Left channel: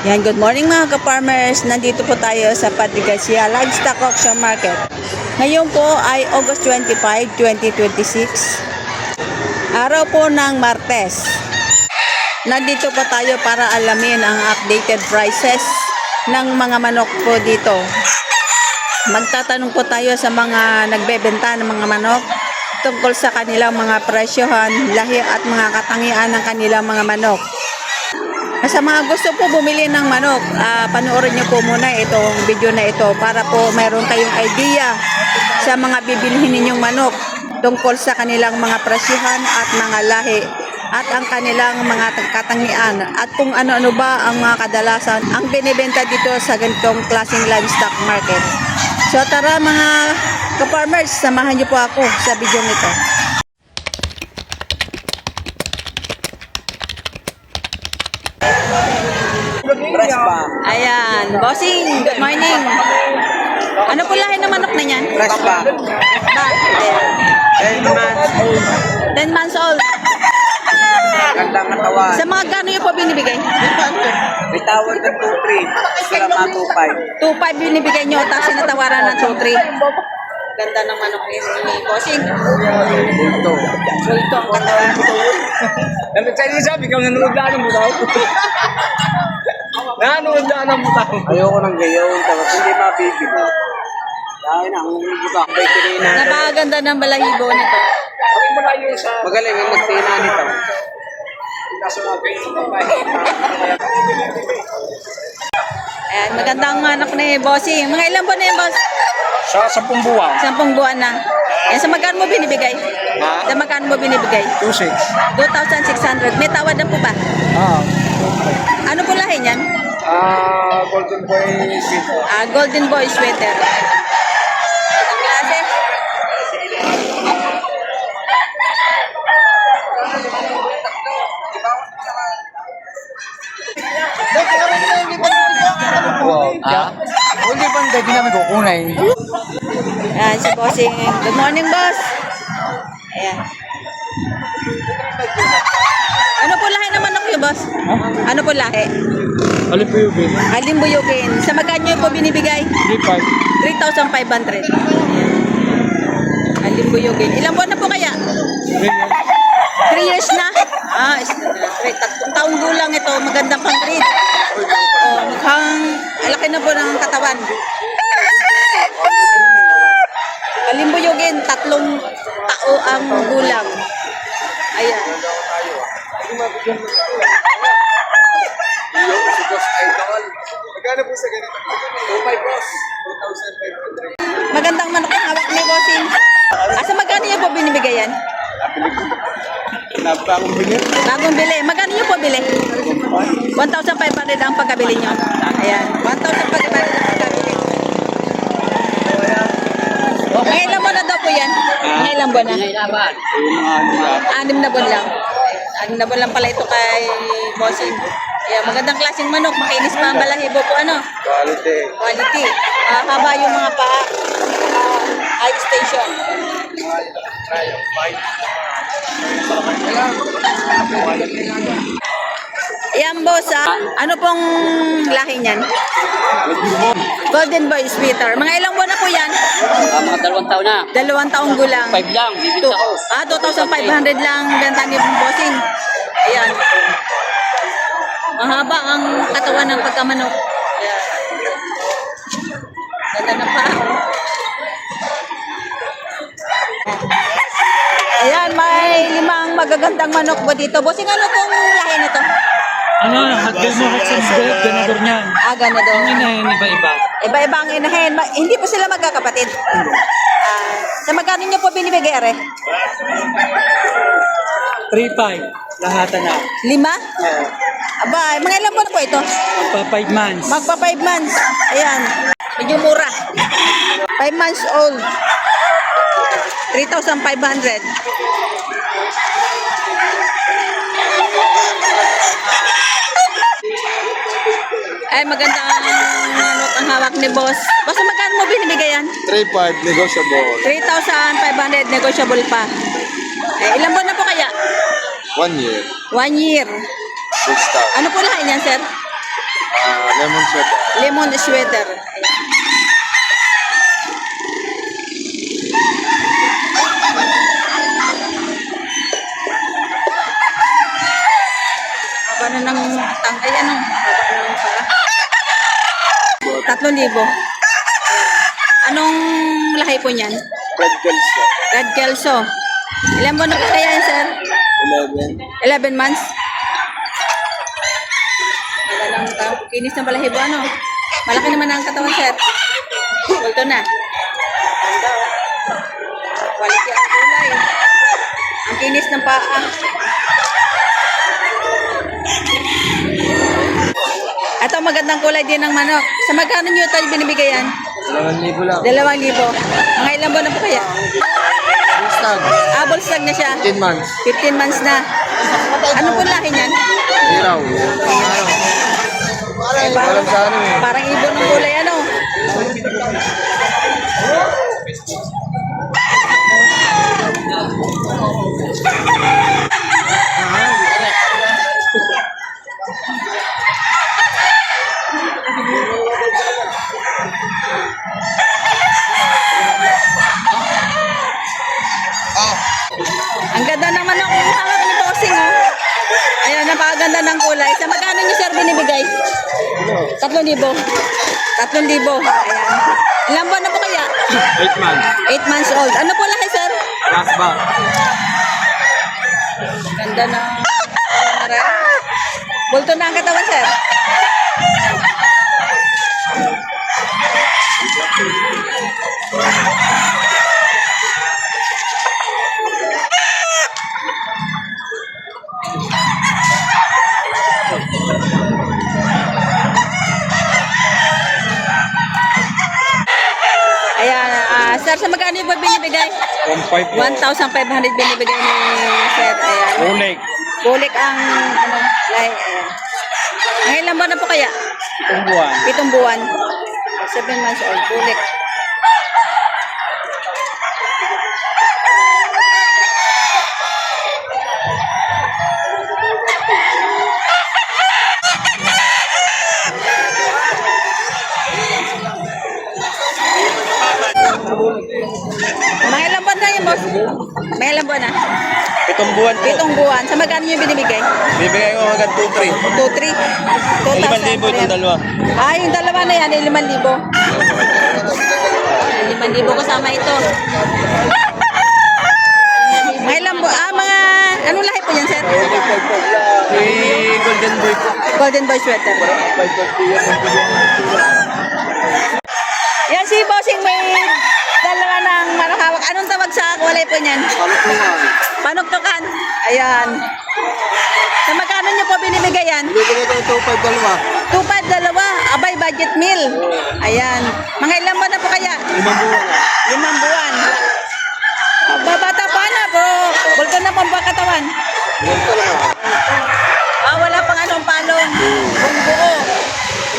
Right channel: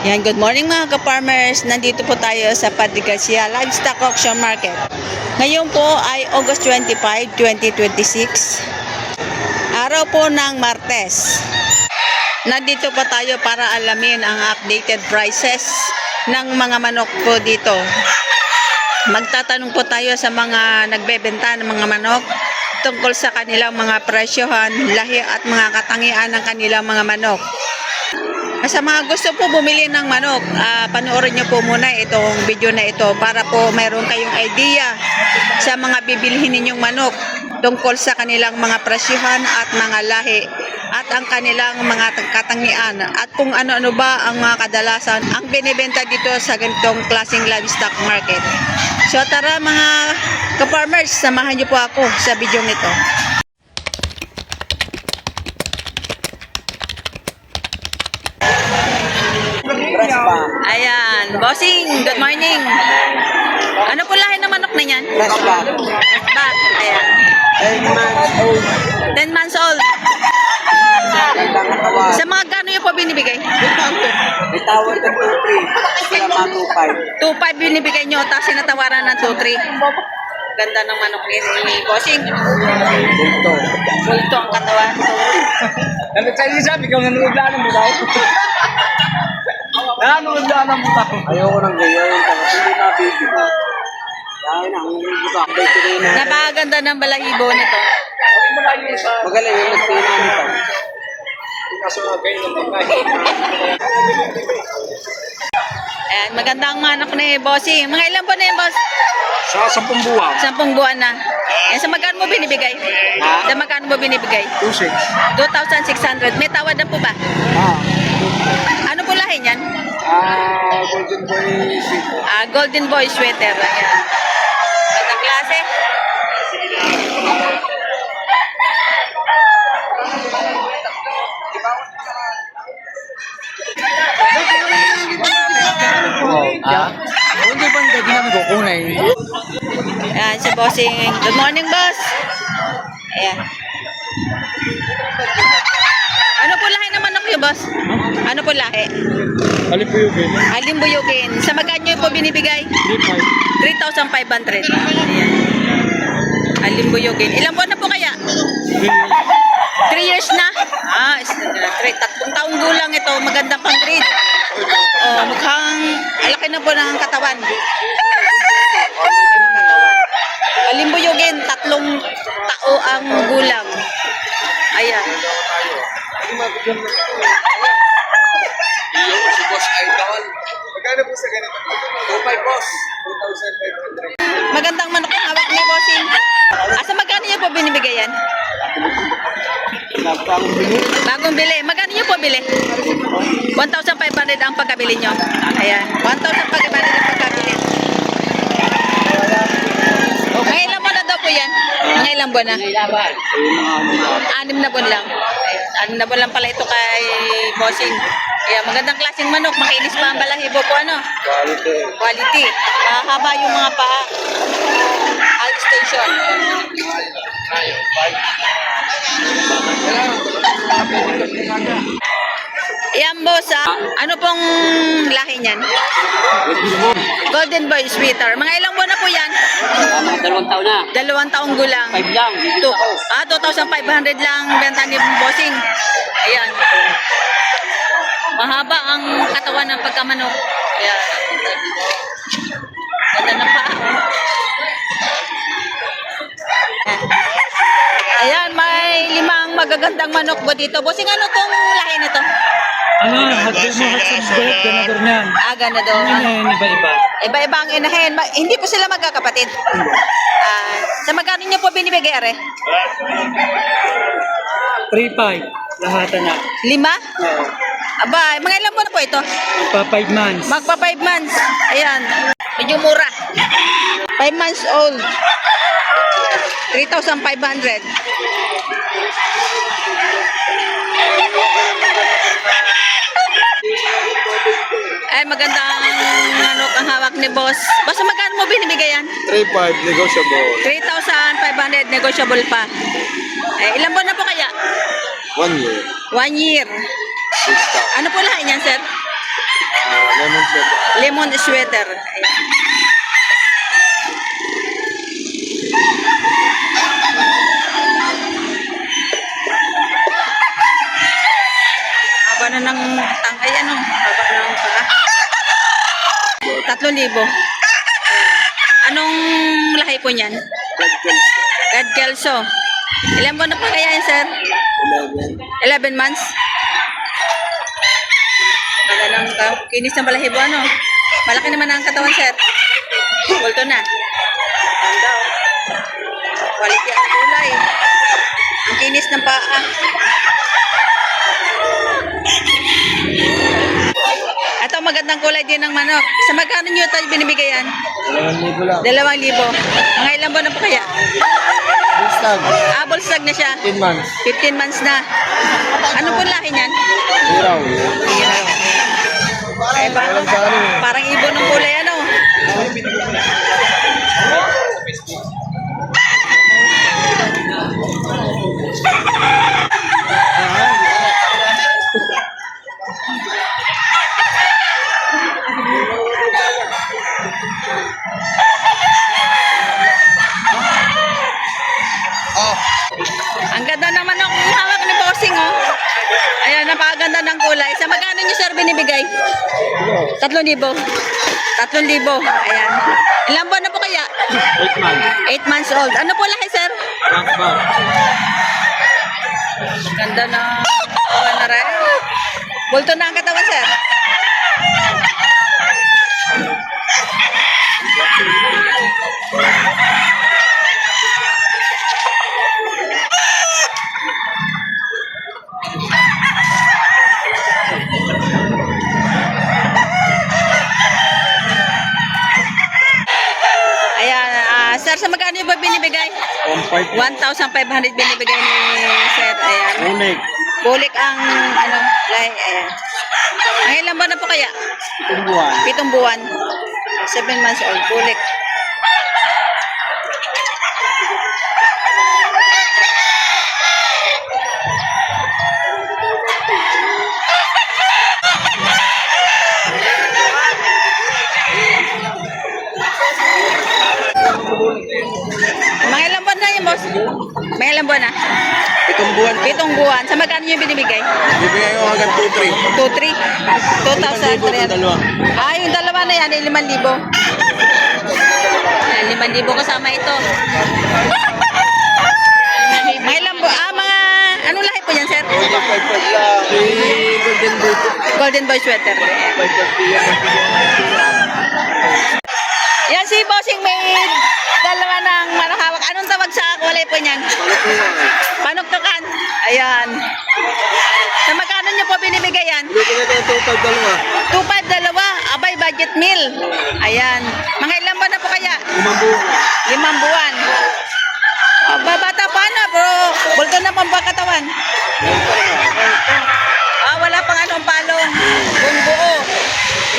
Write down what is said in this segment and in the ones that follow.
Yan, good morning mga ka-farmers. Nandito po tayo sa Padre Garcia Livestock Auction Market. Ngayon po ay August 25, 2026. Araw po ng Martes. Nandito po tayo para alamin ang updated prices ng mga manok po dito. Magtatanong po tayo sa mga nagbebenta ng mga manok tungkol sa kanilang mga presyohan, lahi at mga katangian ng kanilang mga manok. Sa mga gusto po bumili ng manok, panoorin nyo po muna itong video na ito para po mayroon kayong idea sa mga bibilhin ninyong manok tungkol sa kanilang mga presyohan at mga lahi at ang kanilang mga katangian at kung ano-ano ba ang mga kadalasan ang binibenta dito sa ganitong klaseng livestock market. So tara mga ka-farmers, samahan nyo po ako sa video nito. Ayan, bossing, good morning. Ano po lahi ng manok na yan? Fresh ba? Ba, ayan. 10 months old. 10 months old. Gandang katawan. Sa mga gano yung po binibigay? May tawad ng 2-3. Sila mga 2-5. 2.5 binibigay nyo, tapos sinatawaran ng 2.3. Ganda ng manok ni bossing. Ito. Bulto ang katawan. Ano tayo sabi, ikaw nanood na ng mutaw. Nanood na ng mutaw. Ayoko ng gayon. Tapos hindi mabibig. Dahil na, ang butak. Napakaganda ng balahibo nito. Ang malayo sa Magaling yung nagtina nito. kaso mga ganyan ng pagkain. Ayan, magandang manok ni bossing. Mga ilan po na yun, boss? Sa 10 buwan. 10 buwan na. Ayan, sa magkano mo binibigay? Sa magkano mo binibigay? 2-6. 2,600. May tawad na po ba? Ano po lahi niyan? Golden Boy Sweet. Golden Boy sweater. Ayan. Ang klase. Hindi bang gagawin ko kung Ayan, si bossing. Good morning, boss. Ayan. Ano po lahi ng manok yung boss? Ano po lahi? Alin po yung game? Alimbuyukin. Sa magkano po binibigay? Hindi pa. 3,500. Ayan. Alimbuyukin. Ilang buwan na po kaya? 3 years na? Tatlong taong gulang ito. Magandang pang breed. Oh, mukhang alaki na po ng katawan. Alimbuyugin, 3 tao ang gulang. Ayan. Si Boss Idol. Magkano po sa ganito? 2-5 boss. 2,500. Magandang manok ang hawak ni bossing. Sa magkano niyo po binibigay yan? Napakang bilis. Bagong bili. Magkano niyo po bili? 1,500 ang pagkabili nyo. Ayan. 1,500 ang pagkabili. Mga ilang buwan na daw po yan? Mga ilang buwan na? Yung mga 6 na buwan lang. Ayan. 6 na buwan lang pala ito kay bossing. Ayan. Magandang klaseng manok. Makinis pa ang balahibo po. Ano? quality. Quality. Mahaba yung mga paa. High station. Ayan boss, ano pong lahi niyan? Golden Boy Sweeter. Mga ilang buwan na po yan? 2 taon na. 2 taong gulang. 5 lang. 2,500 lang benta ni bossing. Ayan. Mahaba ang katawan ng pagkamanok. Ayan. Ganda ng paa. Ayan, may 5 magagandang manok po dito. Bossing, ano tong lahi nito? Ano? Hagdan mo hagdan ganador niyan. Ganado. Iba-iba. Iba-iba ang inahin. Hindi po sila magkakapatid. Sa magkano niyo po binibigay, are? 3-5. Lahatan na. 5? Aba, mga ilang buwan na po ito? Magpa 5 months. Magpa 5 months. Ayan. Medyo mura. 5 months old. 3,500. Ay, magandang manok ang hawak ni boss. Basta magkano mo binibigay yan? 3-5 negotiable. 3,500 negotiable pa. Ilan buwan na po kaya? 1 year. 1 year. Good start. Ano po lahat niyan, sir? Lemon sweater. Lemon sweater. Ayan. Haba na ng tangkay, ano? Haba na ng paa. 3,000. Anong lahi po niyan? Red girls po. Red Kelso. Ilan buwan na po kaya yan, sir? 11 months? Wala lang kinis ng balahibo, ano? Malaki naman ang katawan, sir. Bulto na. Ganda, oh. Quality ang kulay. Ang kinis ng paa. Ito, magandang kulay din ng manok. Sa magkano nyo ito binibigay yan? 2,000 lang. 2,000. Mga ilang buwan na po kaya? Stag. Bullstag na siya. 10 months. 15 months na. Ano po lahi niyan? Hiraw. Eh, parang ibon ng kulay, ano? Ang ganda ng manok yung hawak ni Bossing, oh. Ayan, napakaganda ng kulay. Sa magkano nyo, sir, binibigay? 3,000. 3,000. Ayan. Ilang buwan na po kaya? 8 months. 8 months old. Ano po lahi, sir? Black bag. Ganda na. Wala na rin. Bulto na ang katawan, sir. Ayan, sir, sa magkano yung ba binibigay? 1,500 binibigay ni sir. Ayan. Unik. Bulik ang, ano, lahi. Ayan. Ang ilang buwan na po kaya? Tumbuhan. 7 buwan. 7 months old. Bulik. Mga ilang buwan na yun, boss? Mga ilang buwan na? 7 buwan po. 7 buwan. Sa magkano nyo binibigay? Bibigay ko hanggang 2,300. 2,300. 2,300. Yung dalawa na yan, 5,000. 5,000 kasama ito. Mga ilang buwan, mga, anong lahi po yan, sir? Golden boy po. Golden Boy sweater. Yan si Bossing may dalawa ng manahawak. Anong tawag sa kulay po niyan? Panuktukan. Ayan. Sa magkano nyo po binibigay yan? Bibigay ko 2,500. 2,500. Abay, budget meal. Ayan. Mga ilang buwan na po kaya? 5 buwan. Babata pa na, bro. Bulto na pang katawan. Wala pang anong palong. Buong-buo.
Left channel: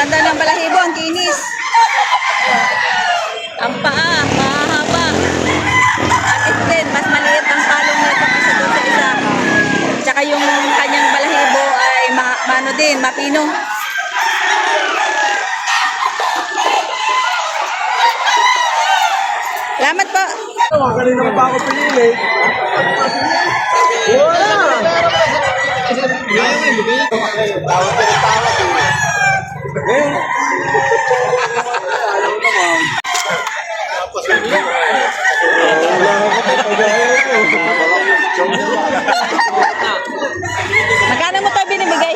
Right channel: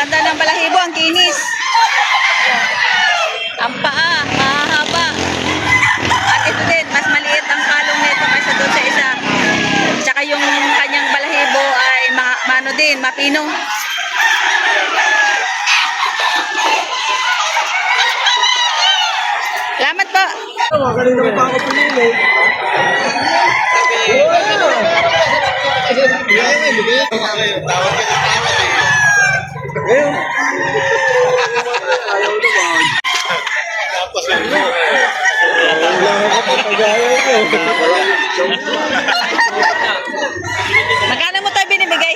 Ganda ng balahibo, ang kinis. Ang paa, mahaba. At ito din, mas maliit ang palong nito kaysa doon sa isa. Tsaka yung kanyang balahibo ay mano din, mapino. Salamat po. Kanina ko pa ako pinili. Wow! Magkano mo tayo binibigay?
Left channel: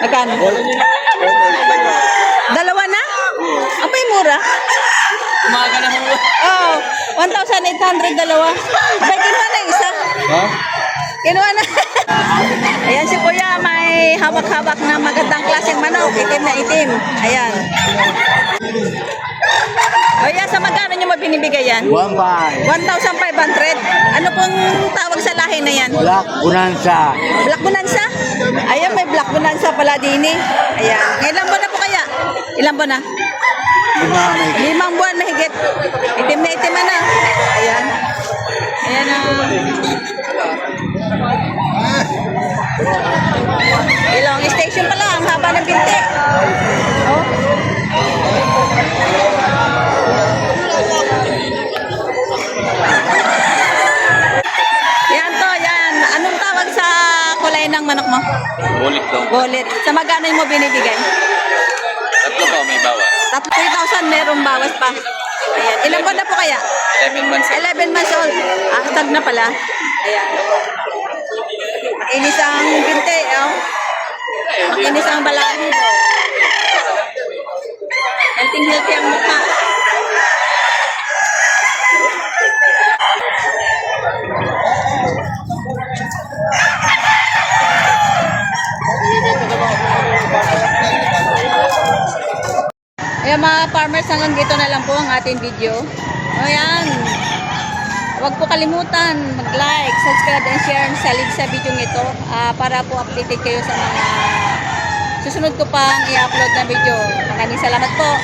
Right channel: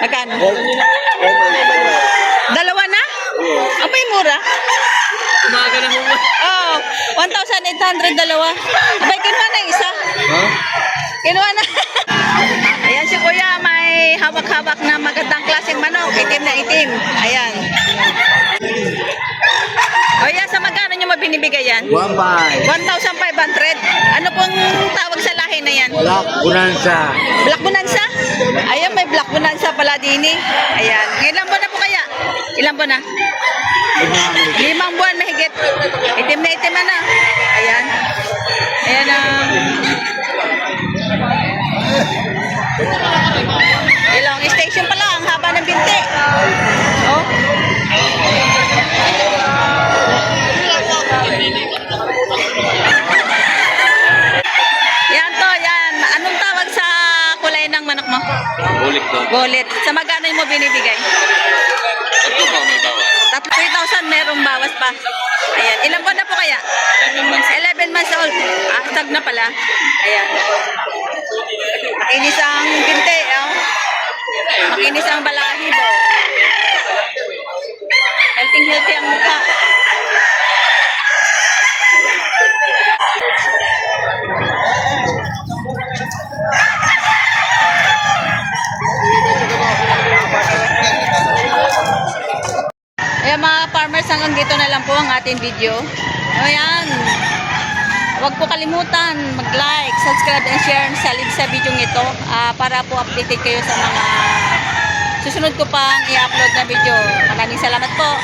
Magkano? Dalawa na? Abay, mura. Umaga na mo. Oh, 1,800 dalawa. Abay, kinuha na yung isa. Ha? Kinuha na. Ayan si Kuya, may hawak-hawak na magandang klaseng manok. Itim na itim. Ayan. Kuya, sa magkano nyo mabinibigay yan? 1,500. Ano pong tawag sa lahi na yan? Black Bonanza. Black Bonanza? Ayan, may Black Bonanza pala din eh. Ayan. Ilang buwan na po kaya? Ilang buwan na? 5 buwan mahigit. Itim na itim na. Ayan. Ayan na. Ilong station pala. Ang haba ng binti. manok mo? Bulik to. Golit. Sa magkano mo binibigay? Tatlo po, may bawas. 3,000 merong bawas pa. Ayan. Ilang buwan na po kaya? 11 months. 11 months old. Stag na pala. Ayan. Makinis ang binte, oh. Makinis ang balahid, oh. Healthy ang mukha. Ayan mga farmers, hanggang dito na lang po ang ating video. Ayan. Huwag po kalimutan mag-like, subscribe, and share sa video ito para po updated kayo sa mga susunod ko pang i-upload na video. Maraming salamat po.